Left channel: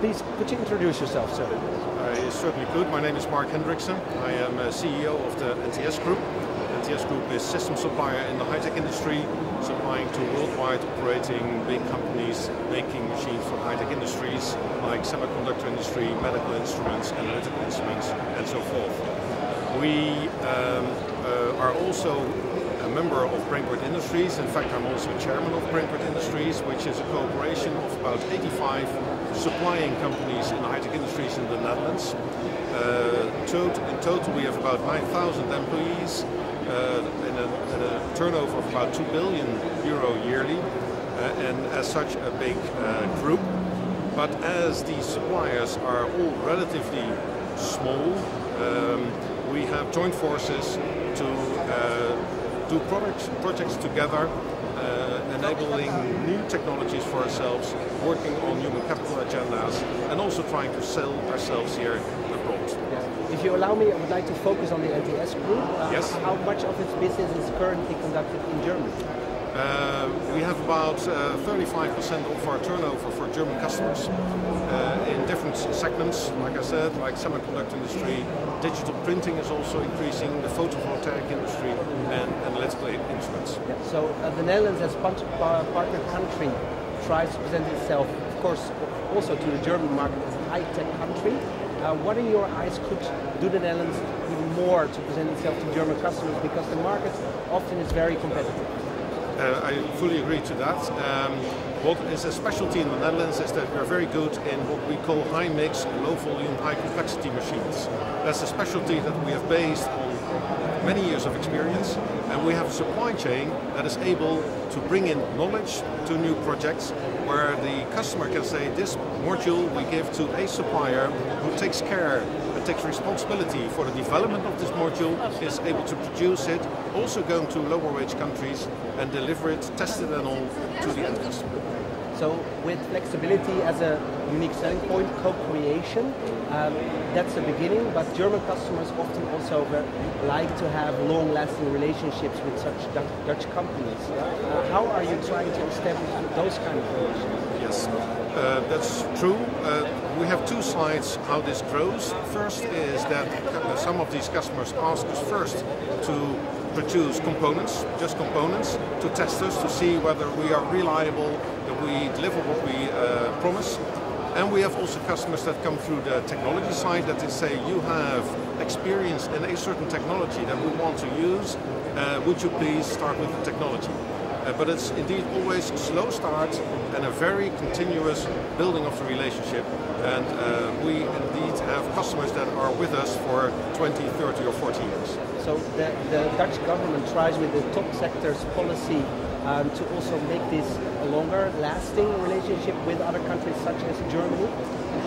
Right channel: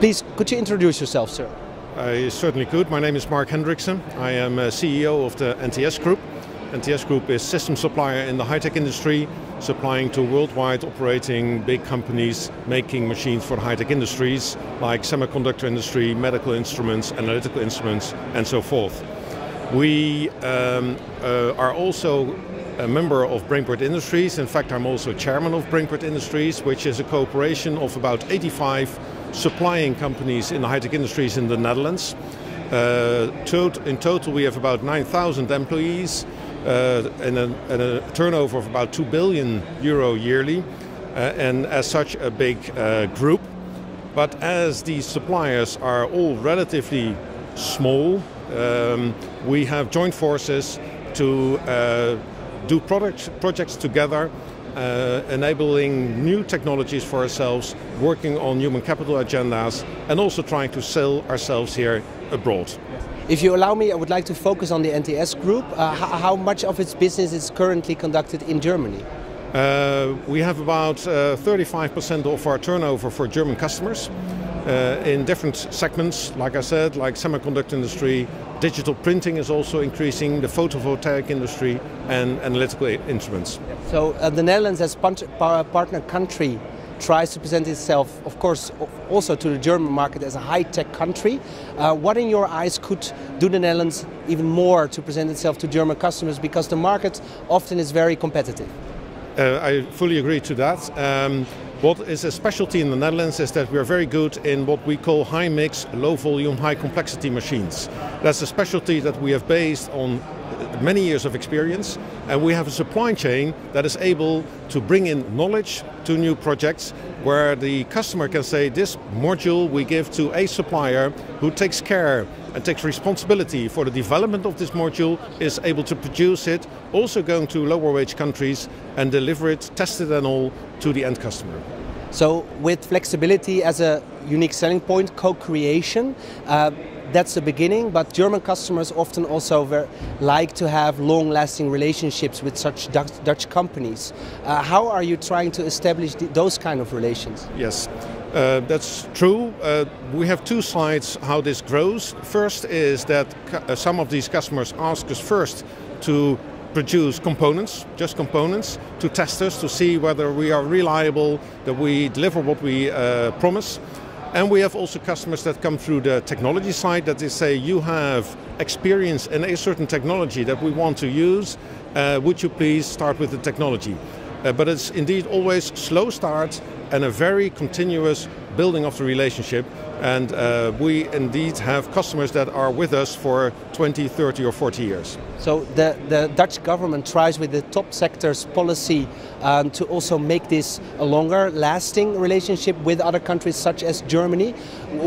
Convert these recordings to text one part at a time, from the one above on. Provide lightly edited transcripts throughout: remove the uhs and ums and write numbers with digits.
Please, could you introduce yourself, sir? I certainly could. My name is Marc Hendrikse. I am CEO of the NTS Group. NTS Group is system supplier in the high-tech industry, supplying to worldwide operating big companies making machines for high-tech industries like semiconductor industry, medical instruments, analytical instruments, and so forth. We are also a member of Brainport Industries. In fact, I'm also chairman of Brainport Industries, which is a cooperation of about 85 supplying companies in the high-tech industries in the Netherlands. In total, we have about 9,000 employees and a turnover of about 2 billion euro yearly, and as such a big group. But as these suppliers are all relatively small, we have joined forces to do projects together, enabling new technologies for ourselves, working on human capital agendas, and also trying to sell ourselves here abroad. If you allow me, I would like to focus on the NTS Group. Yes. How much of its business is currently conducted in Germany? We have about 35% of our turnover for German customers in different segments, like I said, like semiconductor industry. Digital printing is also increasing, the photovoltaic industry, and analytical instruments. So the Netherlands as partner country tries to present itself, of course, also to the German market as a high-tech country. What in your eyes could do the Netherlands even more to present itself to German customers, because the market often is very competitive? I fully agree to that. What is a specialty in the Netherlands is that we are very good in what we call high mix, low volume, high complexity machines. That's a specialty that we have based on many years of experience, and we have a supply chain that is able to bring in knowledge to new projects where the customer can say, this module we give to a supplier who takes care and takes responsibility for the development of this module, is able to produce it, also going to lower wage countries and deliver it, tested and all, to the end customer. So with flexibility as a unique selling point, co-creation, that's the beginning, but German customers often also like to have long-lasting relationships with such Dutch companies. How are you trying to establish those kind of relations? Yes, that's true. We have two sides how this grows. First is that some of these customers ask us first to produce components, just components, to test us, to see whether we are reliable, that we deliver what we promise. And we have also customers that come through the technology side, that they say, you have experience in a certain technology that we want to use, would you please start with the technology? But it's indeed always slow start and a very continuous building of the relationship. And we indeed have customers that are with us for 20, 30 or 40 years. So the Dutch government tries with the top sectors policy to also make this a longer lasting relationship with other countries such as Germany.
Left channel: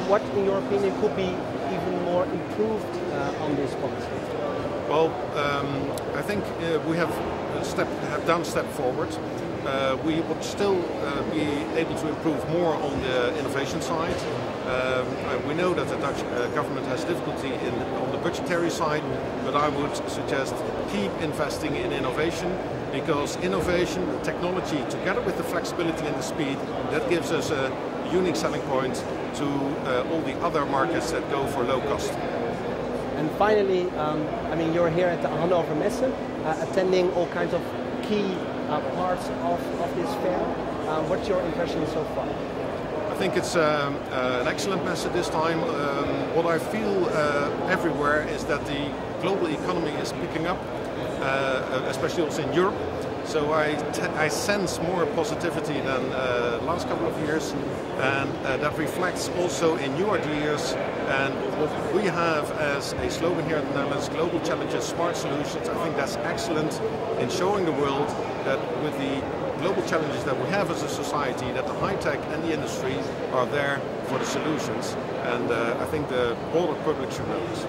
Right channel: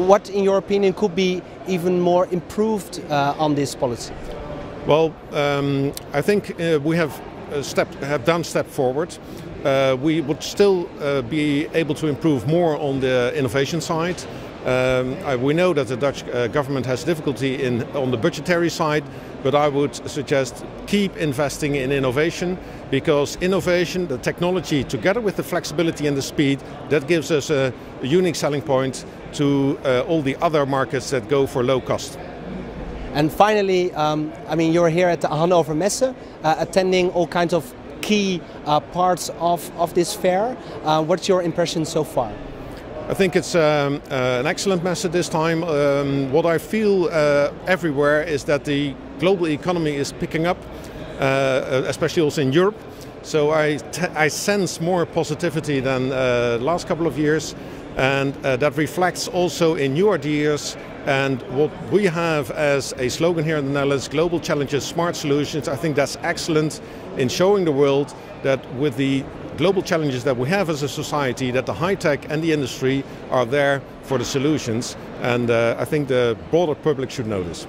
What, in your opinion, could be even more improved on this policy? Well, I think we have done a step forward. We would still be able to improve more on the innovation side. We know that the Dutch government has difficulty on the budgetary side, but I would suggest keep investing in innovation, because innovation, the technology, together with the flexibility and the speed, that gives us a unique selling point to all the other markets that go for low cost. And finally, I mean, you're here at the Hannover Messe, attending all kinds of key parts of this fair. What's your impression so far? I think it's an excellent message this time. What I feel everywhere is that the global economy is picking up, especially also in Europe. So I sense more positivity than the last couple of years, and that reflects also in new ideas. And what we have as a slogan here in the Netherlands, global challenges, smart solutions, I think that's excellent in showing the world that with the global challenges that we have as a society, that the high-tech and the industry are there for the solutions, and I think the broader public should know this.